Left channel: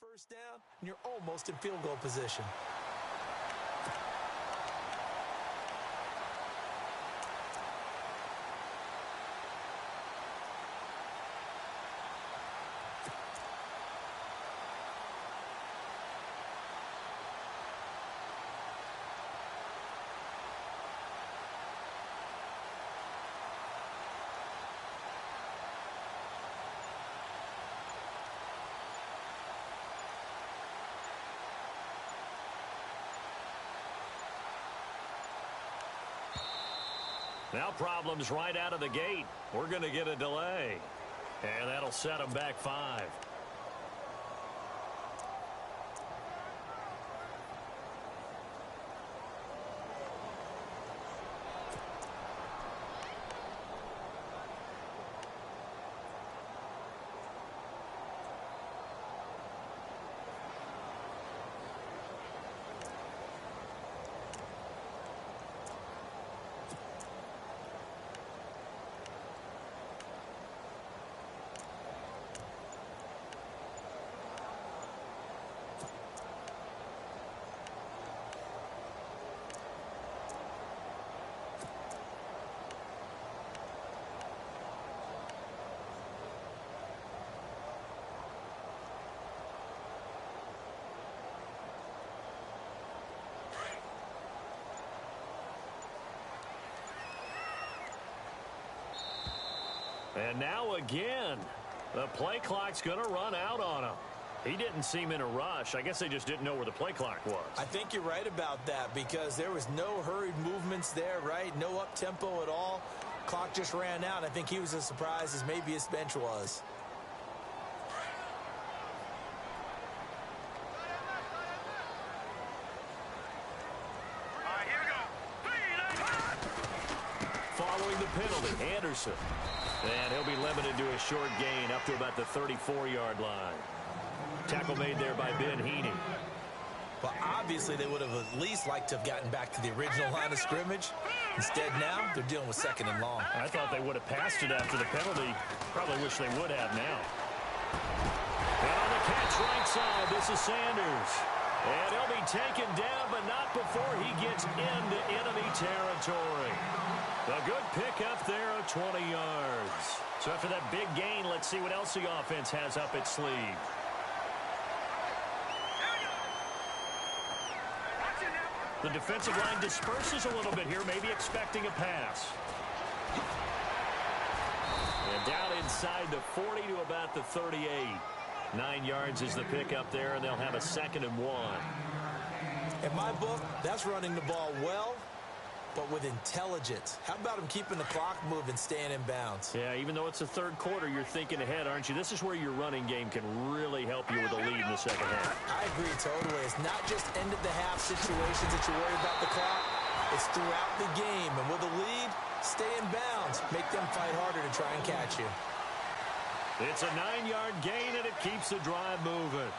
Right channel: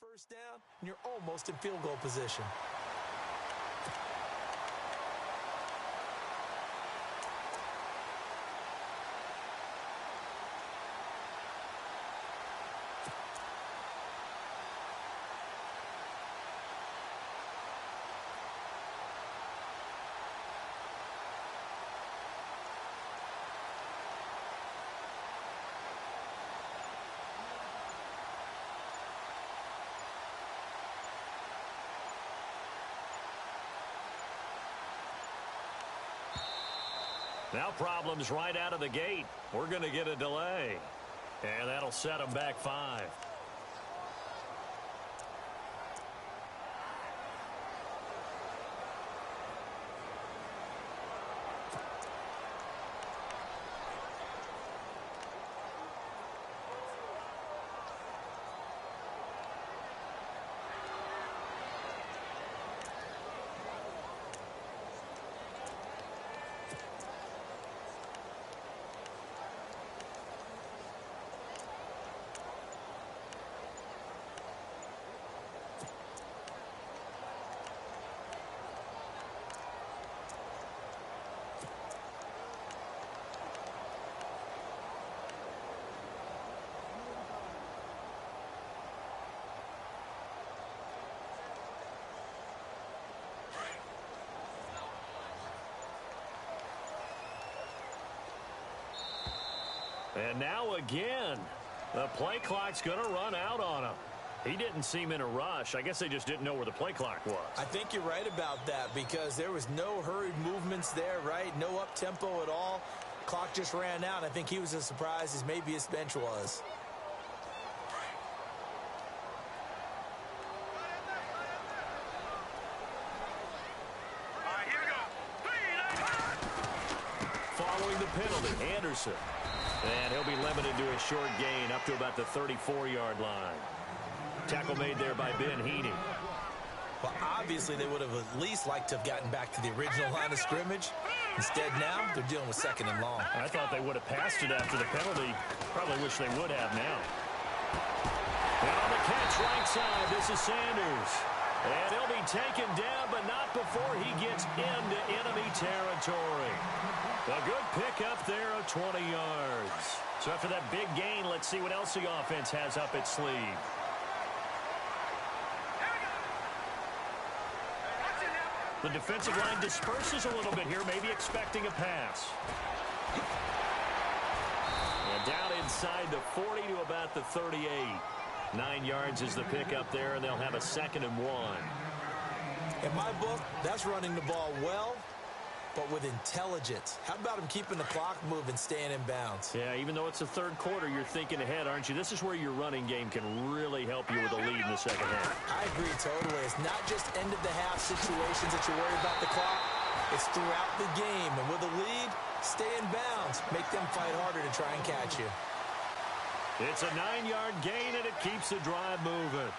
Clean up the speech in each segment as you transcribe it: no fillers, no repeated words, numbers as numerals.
first down, and you're almost in field goal position. Now problems right out of the gate. We're going to get a delay. And that'll set them back 5. And now again, the play clock's going to run out on him. He didn't seem in a rush. I guess they just didn't know where the play clock was. I think you're right about that because there was no hurried movements there, right? No up-tempo at all. Clock just ran out. I think he was as surprised as maybe his bench was. Following the penalty, Anderson. And he'll be limited to a short gain up to about the 34-yard line. Tackle made there by Ben Heaney. Well, obviously they would have at least liked to have gotten back to the original line of scrimmage. Instead now, they're dealing with second and long. I thought they would have passed it after the penalty. Probably wish they would have now. And on the catch right side, this is Sanders. And he'll be taken down, but not before he gets into enemy territory. A good pickup there of 20 yards. So after that big gain, let's see what else the offense has up its sleeve. The defensive line disperses a little bit here, maybe expecting a pass. And down inside the 40 to about the 38. 9 yards is the pickup there, and they'll have a 2nd and 1. In my book, that's running the ball well, but with intelligence. How about him keeping the clock moving, staying in bounds? Yeah, even though it's the third quarter, you're thinking ahead, aren't you? This is where your running game can really help you with a lead in the second half. I agree totally. It's not just end-of-the-half situations that you worry about the clock. It's throughout the game. And with a lead, stay in bounds. Make them fight harder to try and catch you. It's a 9-yard gain, and it keeps the drive moving.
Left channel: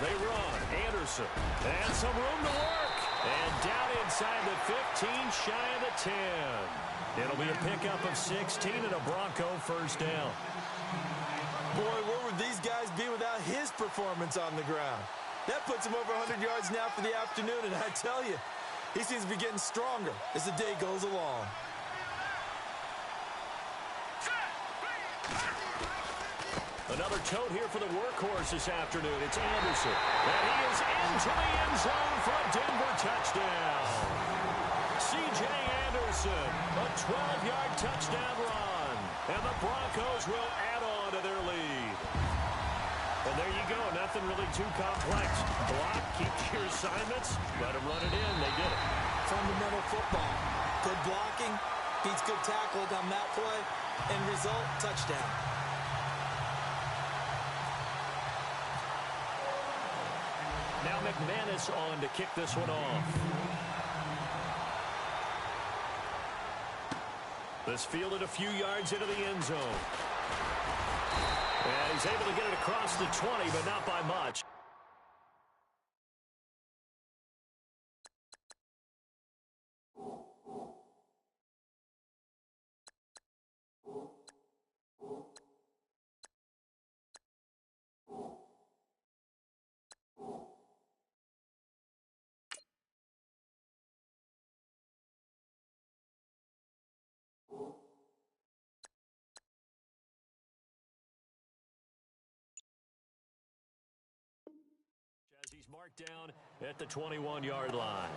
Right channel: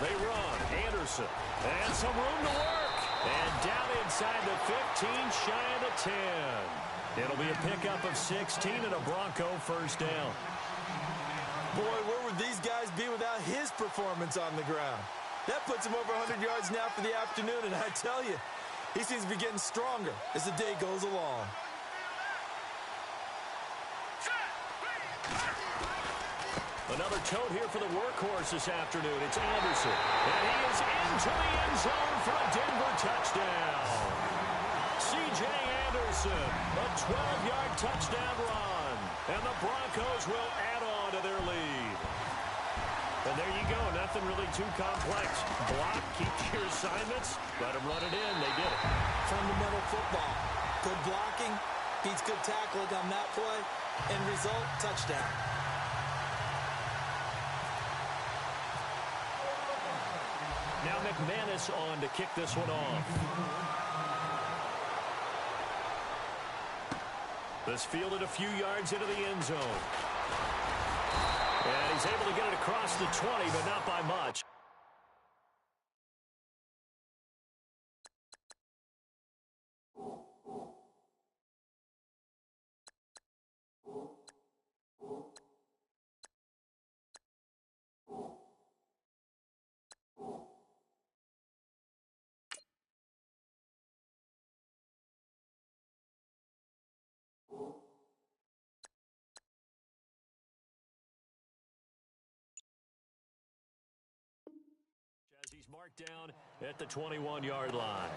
They run. Anderson. And some room to work. And down inside the 15, shy of the 10. It'll be a pickup of 16 and a Bronco first down. Boy, where would these guys be without his performance on the ground? That puts him over 100 yards now for the afternoon, and I tell you, he seems to be getting stronger as the day goes along. Another tote here for the workhorse this afternoon. It's Anderson. And he is into the end zone for a Denver touchdown. C.J. Anderson, a 12-yard touchdown run. And the Broncos will add on to their lead. And there you go. Nothing really too complex. Block, keep your assignments, let them run it in. They did it. Fundamental football. Good blocking, beats good tackling on that play. End result, touchdown. Now McManus on to kick this one off. This fielded a few yards into the end zone. And he's able to get it across the 20, but not by much. marked down at the 21-yard line.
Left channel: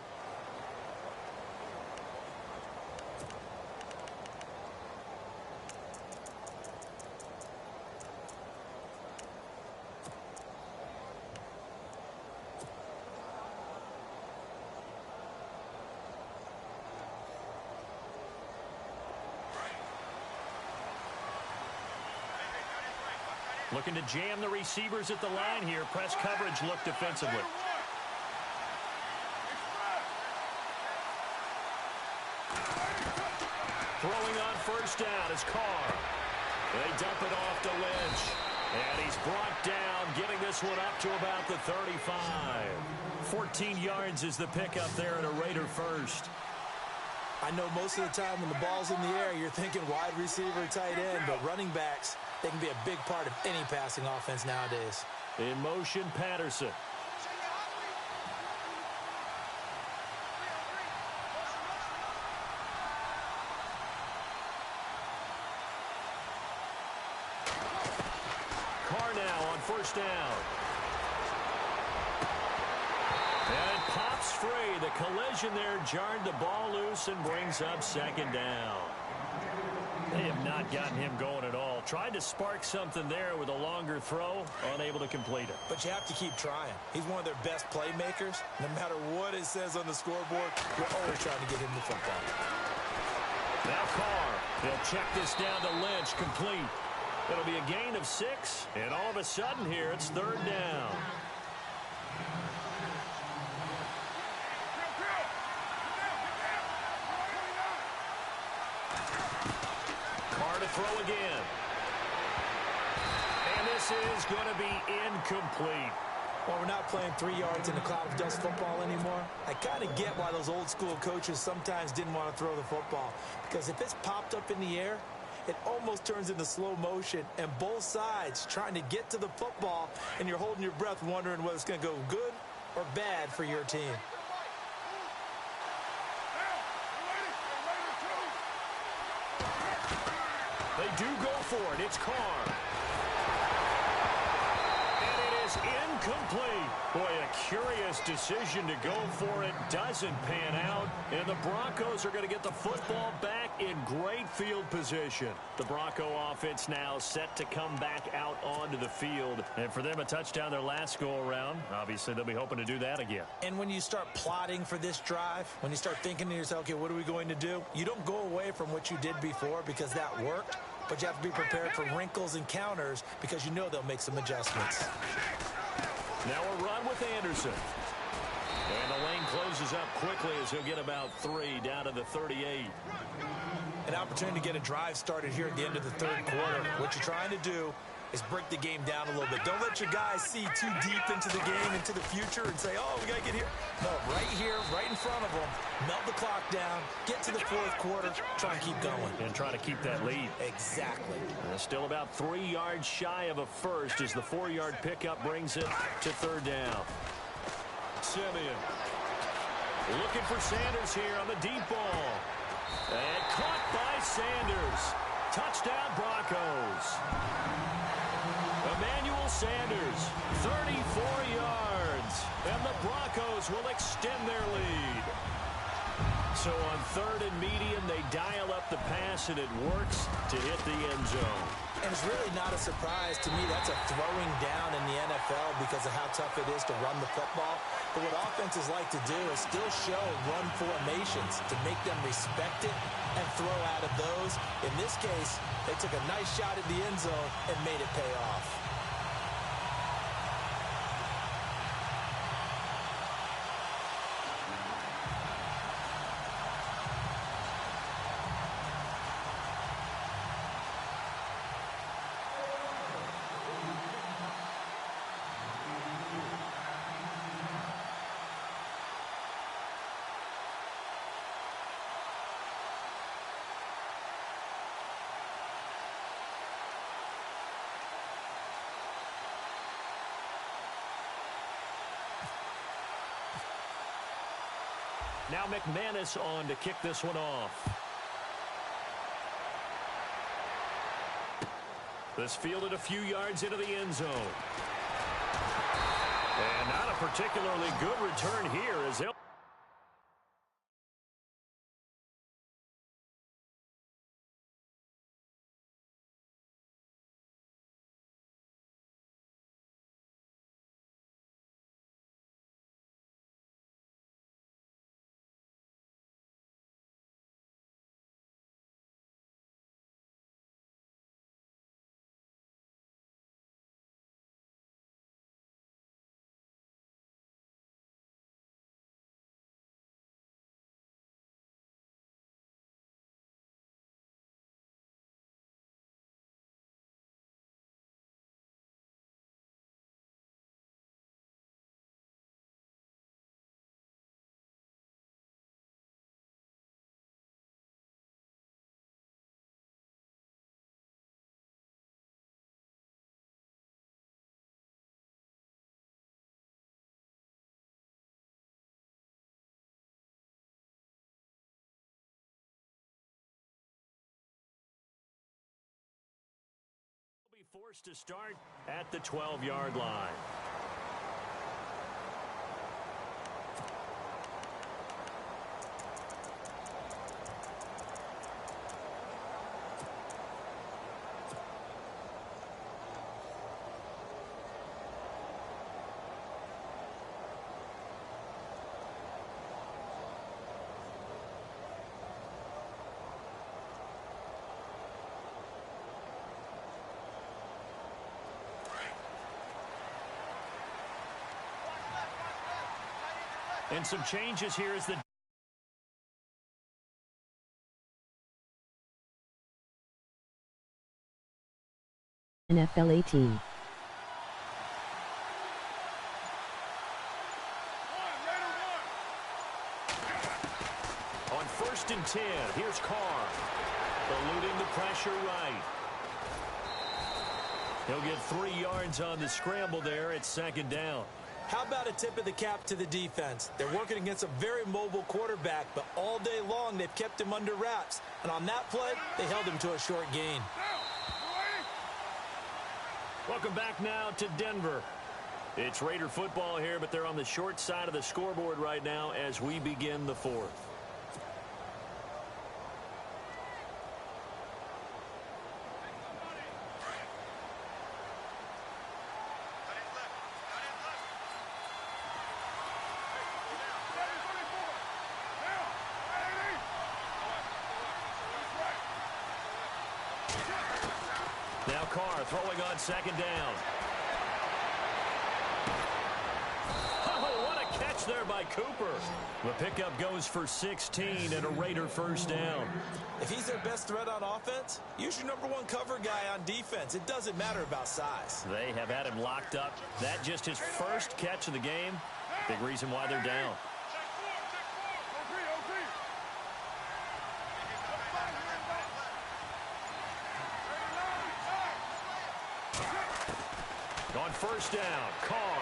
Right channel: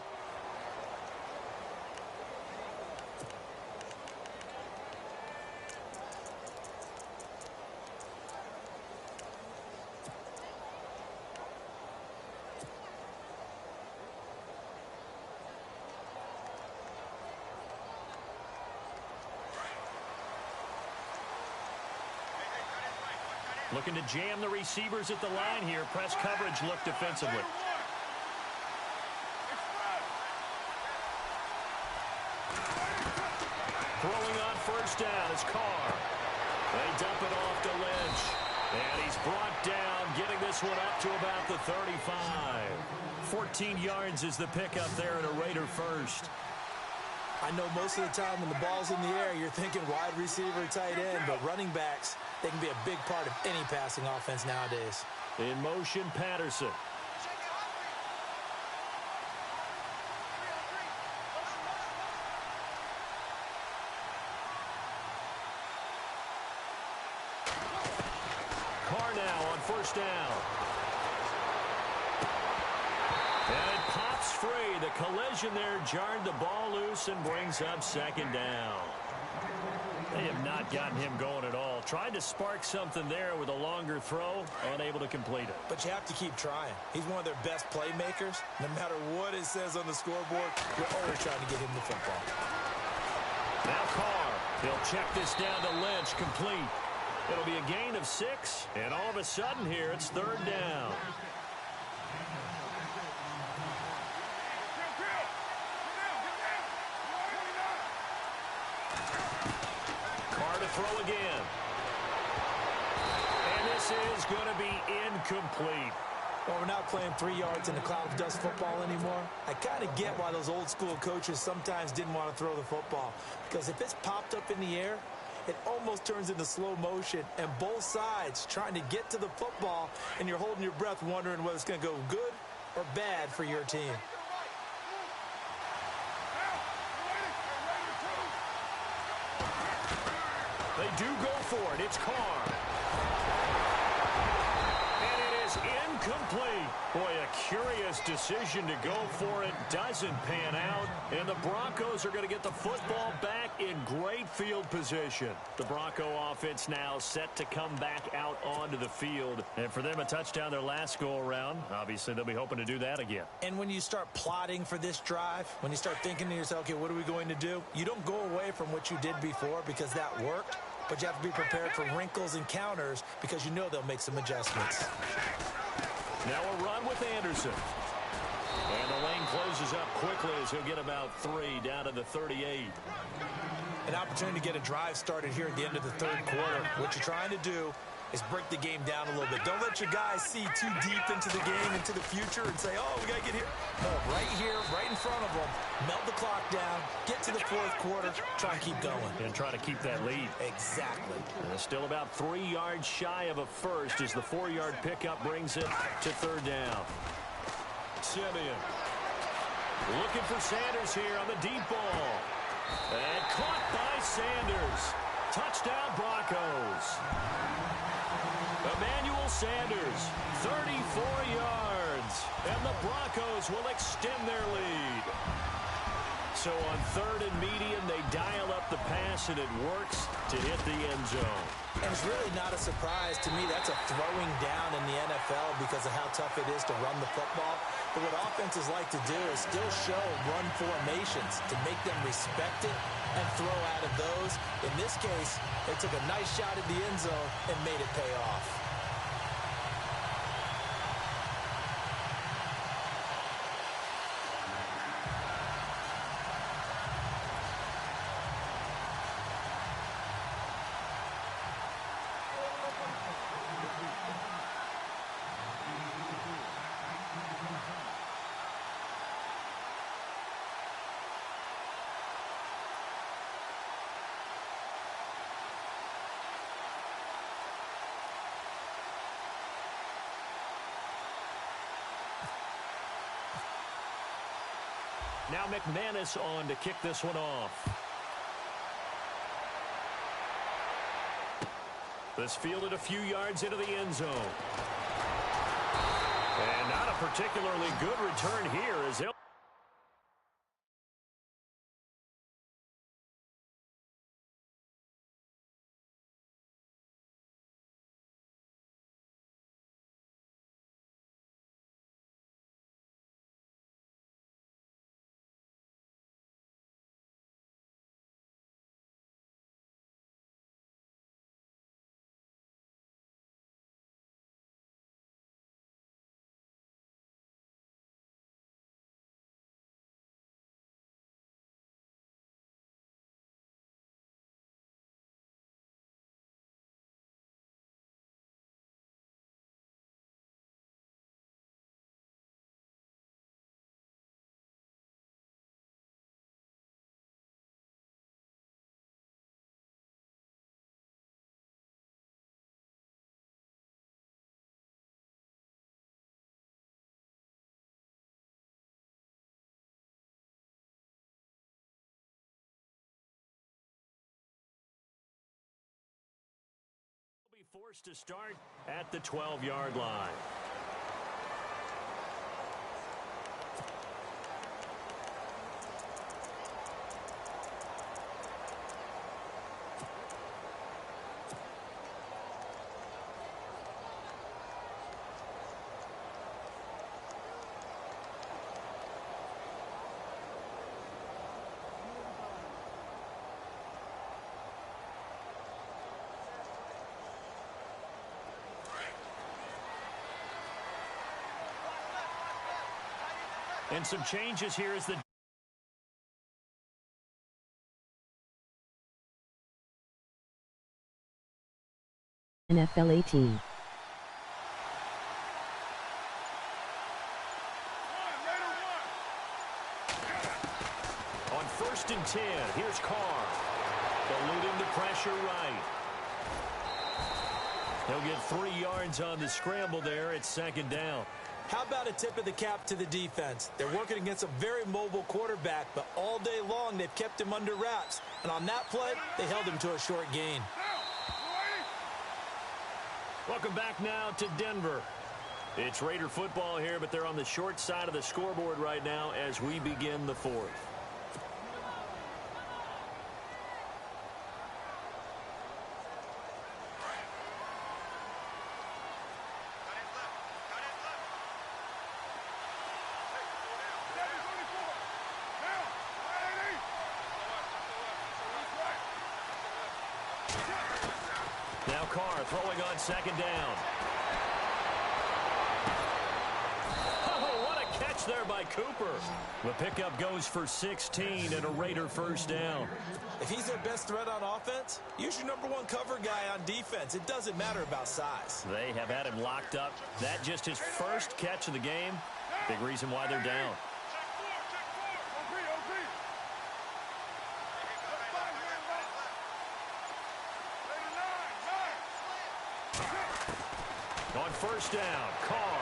Looking to jam the receivers at the line here. Press coverage look defensively. Throwing on first down is Carr. They dump it off to Lynch. And he's brought down, getting this one up to about the 35. 14 yards is the pickup there at a Raider first. I know most of the time when the ball's in the air, you're thinking wide receiver, tight end, but running backs, they can be a big part of any passing offense nowadays. In motion, Patterson. Carr now on first down. And it pops free. The collision there jarred the ball loose and brings up second down. They have not gotten him going at all. Tried to spark something there with a longer throw, unable to complete it. But you have to keep trying. He's one of their best playmakers. No matter what it says on the scoreboard, we're always trying to get him the football. Now Carr. He'll check this down to Lynch, complete. It'll be a gain of 6, and all of a sudden here, it's third down. Carr to throw again. And this is going to be incomplete. Well, we're not playing 3 yards in a cloud of dust football anymore. I kind of get why those old school coaches sometimes didn't want to throw the football. Because if it's popped up in the air, it almost turns into slow motion, and both sides trying to get to the football, and you're holding your breath wondering whether it's going to go good or bad for your team. They do go for it. It's Carr. And it is incomplete. Boy, a curious decision to go for it. Doesn't pan out. And the Broncos are going to get the football back in great field position. The Bronco offense now set to come back out onto the field. And for them, a touchdown their last go-around. Obviously, they'll be hoping to do that again. And when you start plotting for this drive, when you start thinking to yourself, okay, what are we going to do? You don't go away from what you did before because that worked. But you have to be prepared for wrinkles and counters because you know they'll make some adjustments. Now a run with Anderson. And the lane closes up quickly as he'll get about 3 down to the 38. An opportunity to get a drive started here at the end of the third quarter. What you're trying to do is break the game down a little bit. Don't let your guys see too deep into the game, into the future, and say, oh, we got to get here. No, right here, right in front of them, melt the clock down, get to the fourth quarter, try and keep going. And try to keep that lead. Exactly. Still about 3 yards shy of a first as the 4-yard pickup brings it to third down. Simeon looking for Sanders here on the deep ball. And caught by Sanders. Touchdown Broncos. Emmanuel Sanders, 34 yards, and the Broncos will extend their lead. So on third and medium, they dial up the pass, and it works to hit the end zone. And it's really not a surprise to me. That's a throwing down in the NFL because of how tough it is to run the football. But what offenses like to do is still show run formations to make them respect it and throw out of those. In this case, they took a nice shot at the end zone and made it pay off. Now McManus on to kick this one off. This fielded a few yards into the end zone. And not a particularly good return here as they'll... be forced to start at the 12-yard line. And some changes here as the NFL 18. On 1st and 10, here's Carr. Eluding the pressure right. He'll get 3 yards on the scramble there at 2nd down. How about a tip of the cap to the defense? They're working against a very mobile quarterback, but all day long they've kept him under wraps. And on that play, they held him to a short gain. Welcome back now to Denver. It's Raider football here, but they're on the short side of the scoreboard right now as we begin the 4th. Now Carr throwing on 2nd down. Oh, what a catch there by Cooper. The pickup goes for 16 and a Raider 1st down. If he's their best threat on offense, use your #1 cover guy on defense. It doesn't matter about size. They have had him locked up. That just his first catch of the game. Big reason why they're down. On 1st down, Carr.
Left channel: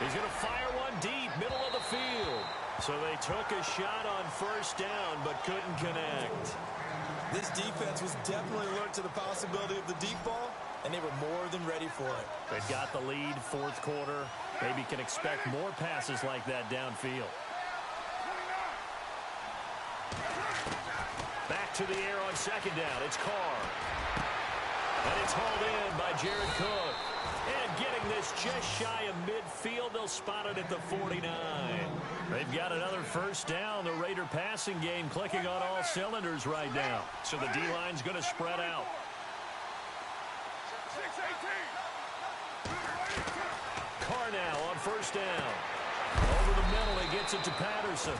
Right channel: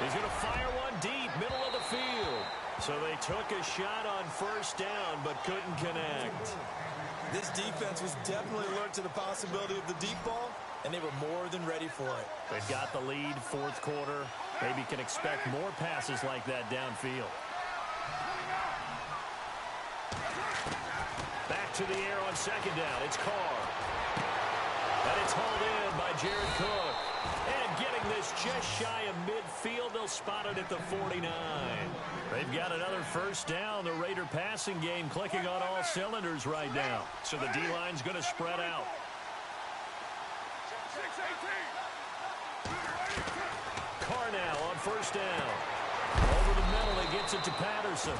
He's going to fire one deep, middle of the field. So they took a shot on 1st down, but couldn't connect. This defense was definitely alert to the possibility of the deep ball, and they were more than ready for it. They've got the lead, 4th quarter. Maybe can expect more passes like that downfield. Back to the air on 2nd down. It's Carr. And it's hauled in by Jared Cook. And getting this just shy of midfield, they'll spot it at the 49. They've got another 1st down. The Raider passing game clicking on all cylinders right now. So the D-line's going to spread out. Carr now on 1st down. Over the middle, he gets it to Patterson.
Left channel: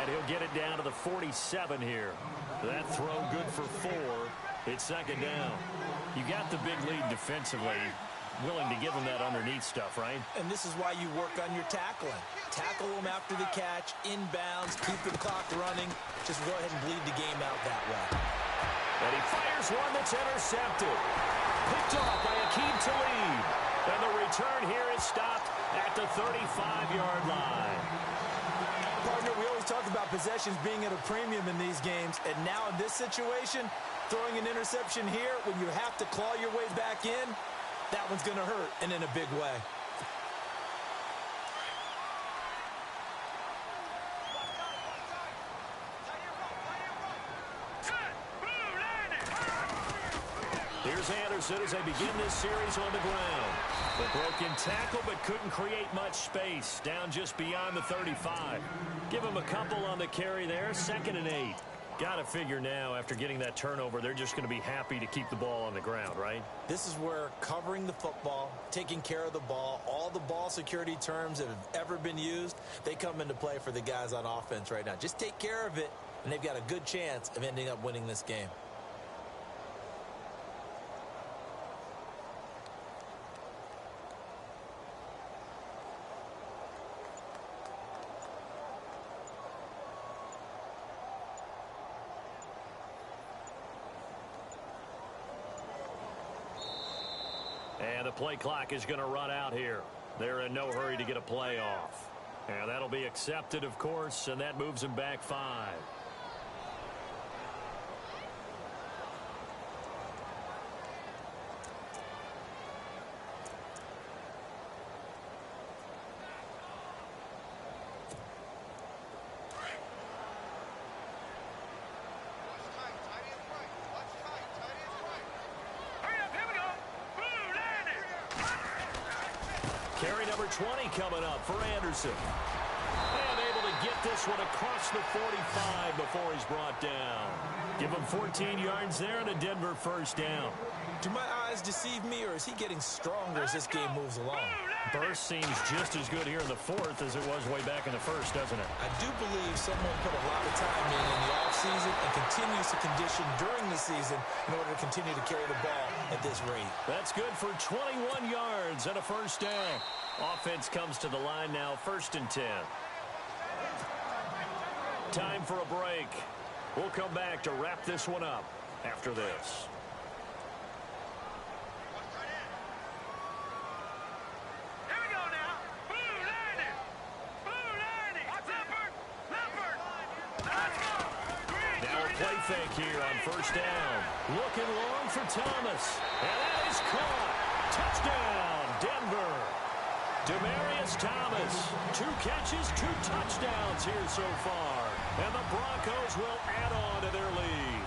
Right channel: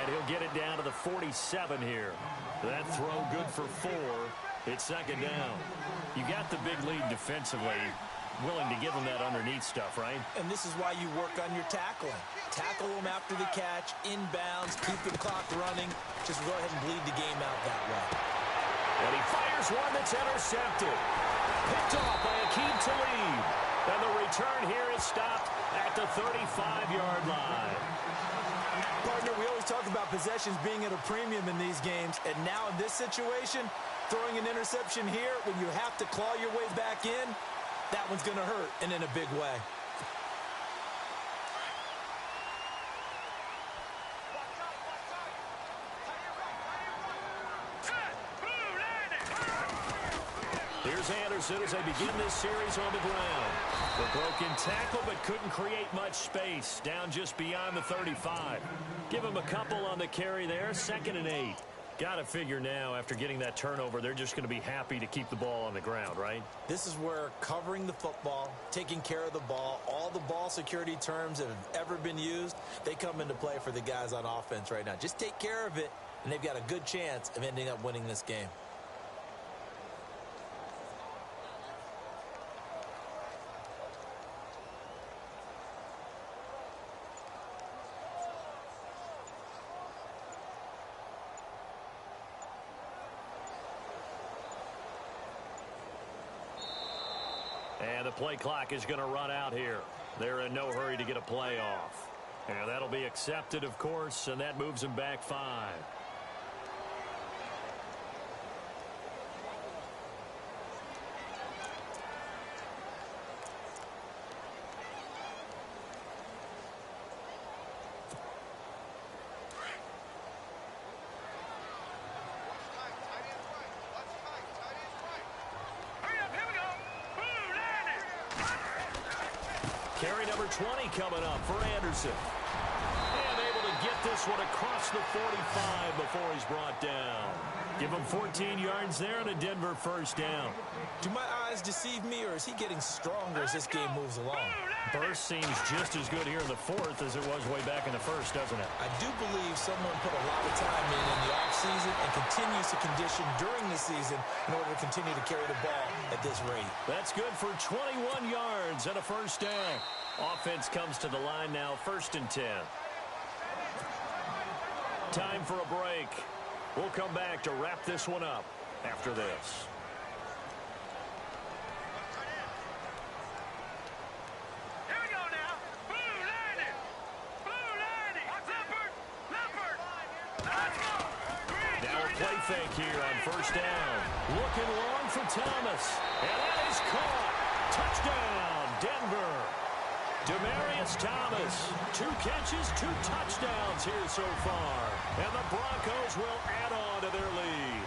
And he'll get it down to the 47 here. That throw good for 4. It's 2nd down. You got the big lead defensively. Willing to give them that underneath stuff, right? And this is why you work on your tackling. Tackle them after the catch, inbounds, keep the clock running. Just go ahead and bleed the game out that way. And he fires one that's intercepted. Picked off by Aqib Talib. And the return here is stopped at the 35-yard line. Partner, we always talk about possessions being at a premium in these games. And now in this situation, throwing an interception here when you have to claw your way back in, That one's going to hurt, and in a big way. Here's Anderson as they begin this series on the ground. The broken tackle, but couldn't create much space. Down just beyond the 35. Give him a couple on the carry there. 2nd and 8. Got to figure now, after getting that turnover, they're just going to be happy to keep the ball on the ground, right? This is where covering the football, taking care of the ball, all the ball security terms that have ever been used, they come into play for the guys on offense right now. Just take care of it, and they've got a good chance of ending up winning this game. And the play clock is going to run out here. They're in no hurry to get a play off. And that'll be accepted, of course, and that moves them back 5. Carry number 20 coming up for Anderson. And able to get this one across the 45 before he's brought down. Give him 14 yards there and a Denver first down. Do my eyes deceive me, or is he getting stronger as this game moves along? Burst seems just as good here in the 4th as it was way back in the 1st, doesn't it? I do believe someone put a lot of time in the offseason and continues to condition during the season in order to continue to carry the ball at this rate. That's good for 21 yards and a first down. Offense comes to the line now, 1st and 10. Time for a break. We'll come back to wrap this one up after this. Play fake here on first down. Looking long for Thomas. And that is caught. Touchdown, Denver. Demaryius Thomas. 2 catches, 2 touchdowns here so far. And the Broncos will add on to their lead.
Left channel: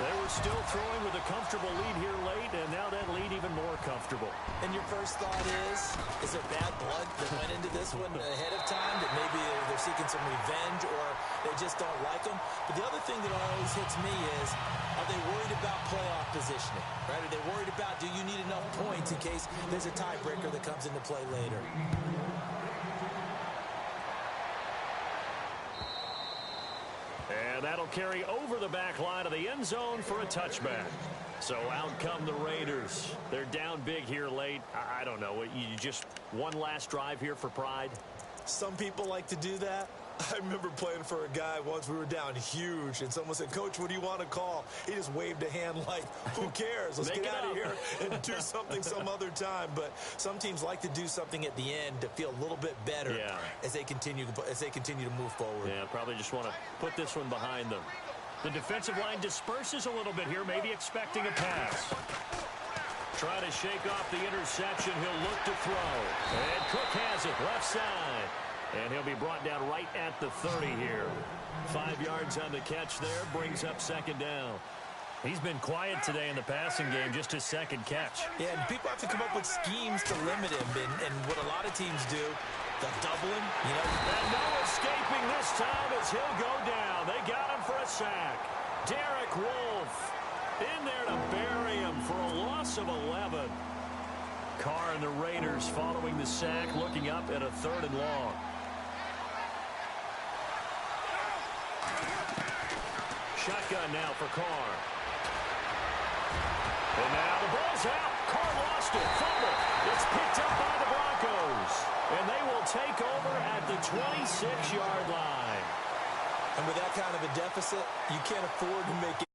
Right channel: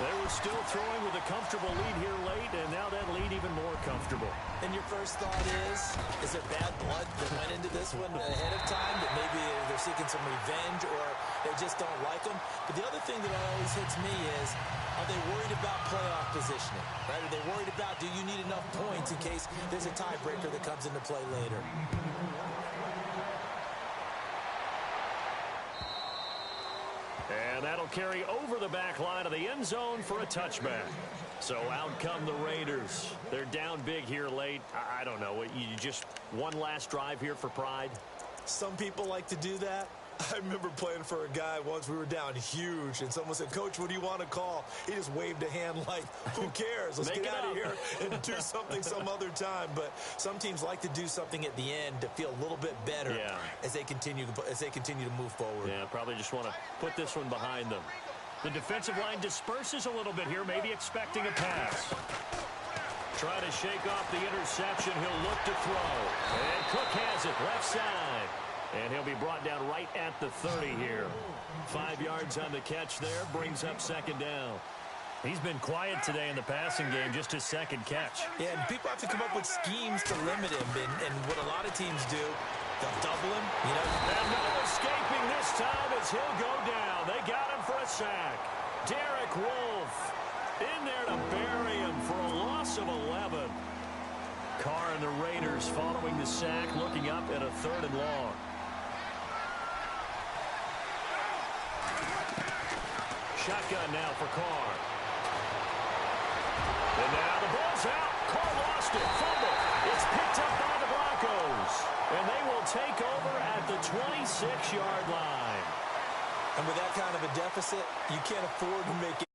They were still throwing with a comfortable lead here late, and now that lead even more comfortable. And your first thought is there bad blood that went into this one ahead of time, that maybe they're seeking some revenge or they just don't like them? But the other thing that always hits me is, are they worried about playoff positioning? Right? Are they worried about, do you need enough points in case there's a tiebreaker that comes into play later? And that'll carry over the back line of the end zone for a touchback. So out come the Raiders. They're down big here late. I don't know. You just one last drive here for pride? Some people like to do that. I remember playing for a guy once. We were down huge, and someone said, "Coach, what do you want to call?" He just waved a hand like, who cares? Let's get out of here and do something some other time. But some teams like to do something at the end to feel a little bit better as they continue to move forward. Yeah, probably just want to put this one behind them. The defensive line disperses a little bit here, maybe expecting a pass. Try to shake off the interception. He'll look to throw. And Cook has it left side. And he'll be brought down right at the 30 here. 5 yards on the catch there, brings up second down. He's been quiet today in the passing game, just his second catch. Yeah, and people have to come up with schemes to limit him. And what a lot of teams do, they'll double him, you know. And no escaping this time as he'll go down. They got him for a sack. Derek Wolfe in there to bury him for a loss of 11. Carr and the Raiders following the sack, looking up at a 3rd and long. Shotgun now for Carr. And now the ball's out. Carr lost it. Fumble. It's picked up by the Broncos. And they will take over at the 26-yard line. And with that kind of a deficit, you can't afford to make it.